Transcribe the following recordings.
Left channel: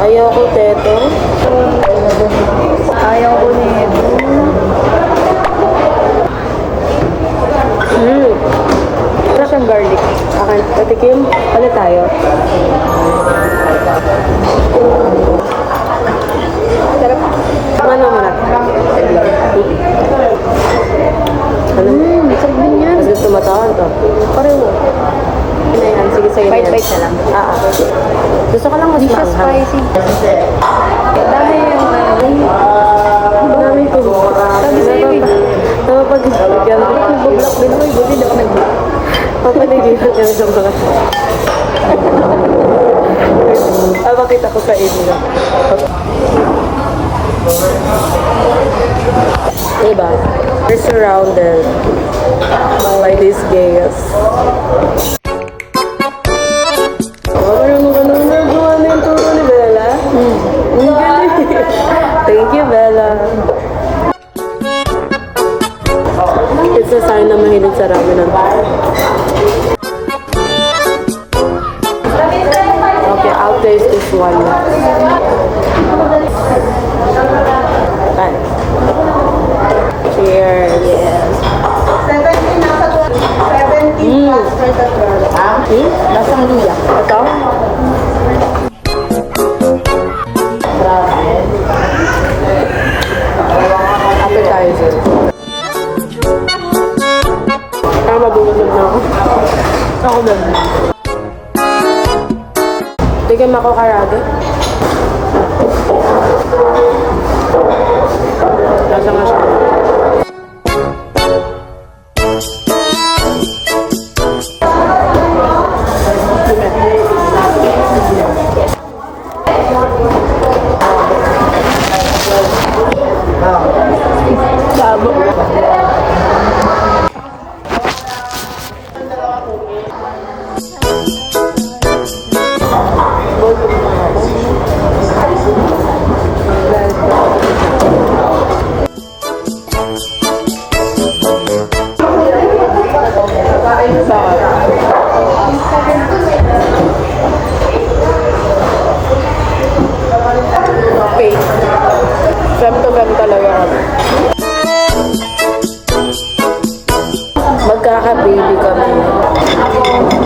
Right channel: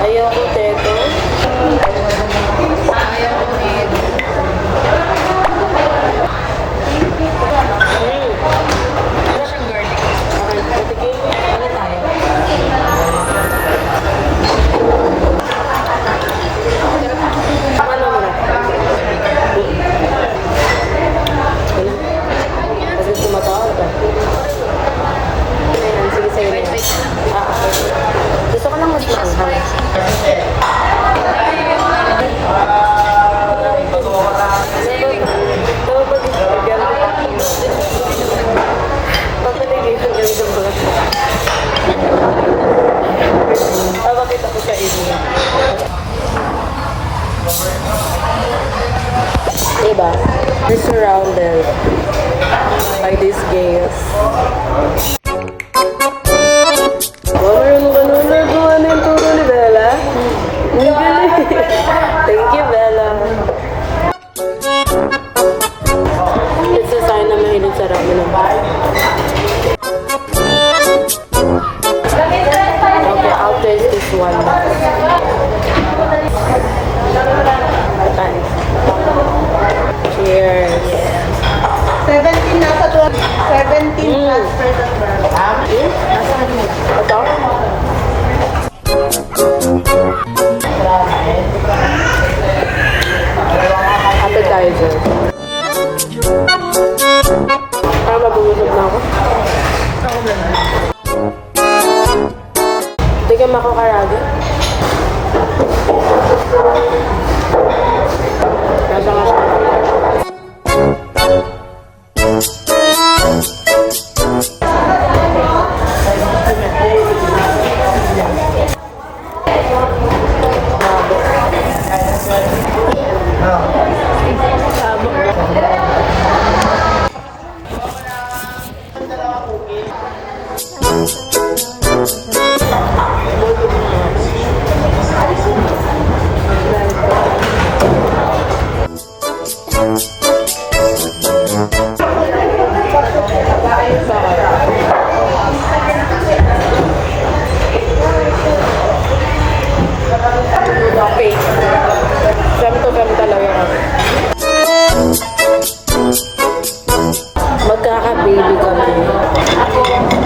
Ayoko, teto. Ayaw ko nito. Wala siyang garlic. Okay, patikim. Palit tayo. Sarap. Ano muna? Ano? Sarap din yan. Mas gusto mo to? Ito. Pareho. Ayan, sige, sige. Bite-bite na lang. Gusto ko lang mas Hindi siya maanghang. spicy. Dami yung Maraming to. Napapagigyan ko. Nagbo-block din ako. Buti hindi ako nag-block. Papaligihan ka ng mga to. Makita ko sa inyo. Diba? We're surrounded by these gays. Marunong ka nung nagawa na yung turo ni Bella? Ang galing. Thank you, Bella. It's a sign na mahilig sa ramen. Okay, I'll taste this one. Bye. Cheers. 17 nasa 17 Lasang luya. Ito? Appetizer. Parang mabubusog na ako. Ako ba? Tigam ako karaga. Nasa nga siya. Babo. Bogod na ako. Ang dahil ko ako bakit? Fake. Fem to fem talaga kami. Magkaka-baby kami.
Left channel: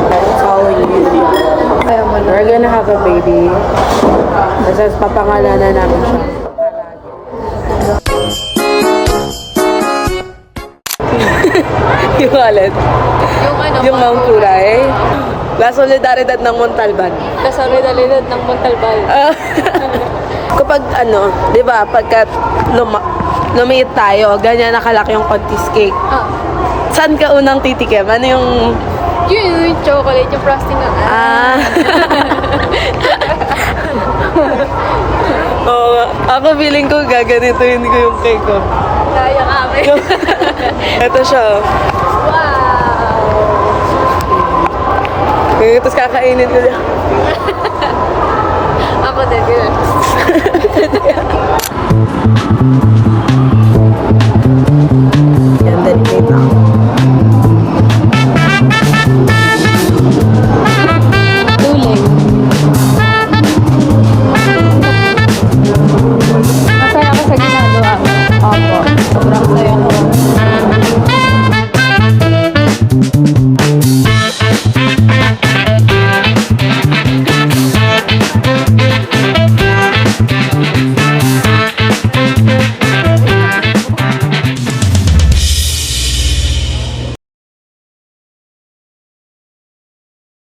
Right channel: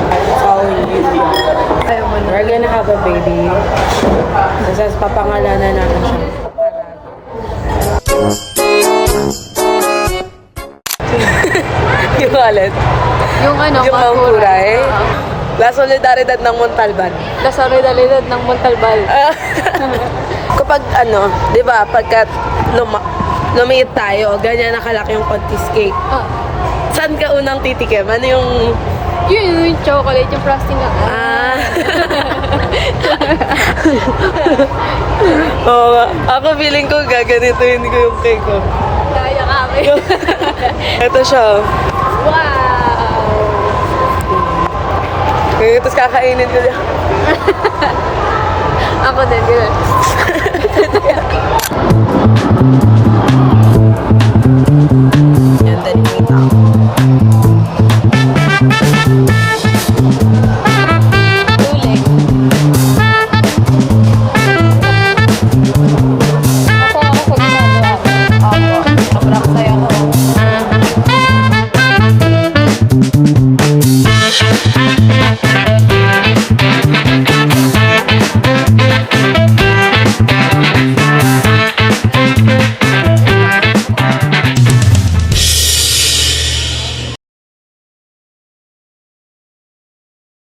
That's how we live. We're gonna have a baby. Tapos papangalanan namin siya. Yung wallet. Yung ano? Yung Mount Puray. La Solidaridad ng Montalban. La Solidaridad ng Montalban. Kapag ano, di ba, pagka lumiit tayo, ganyan nakalaki yung Contis cake. Saan ka unang titikim? Ano yung... Yung chocolate, yung frosting na. Oo, ako feeling ko gaganituin ko yung cake ko. Kaya kami. Ito siya. Wow! Tapos kakainin ko siya. Ako din.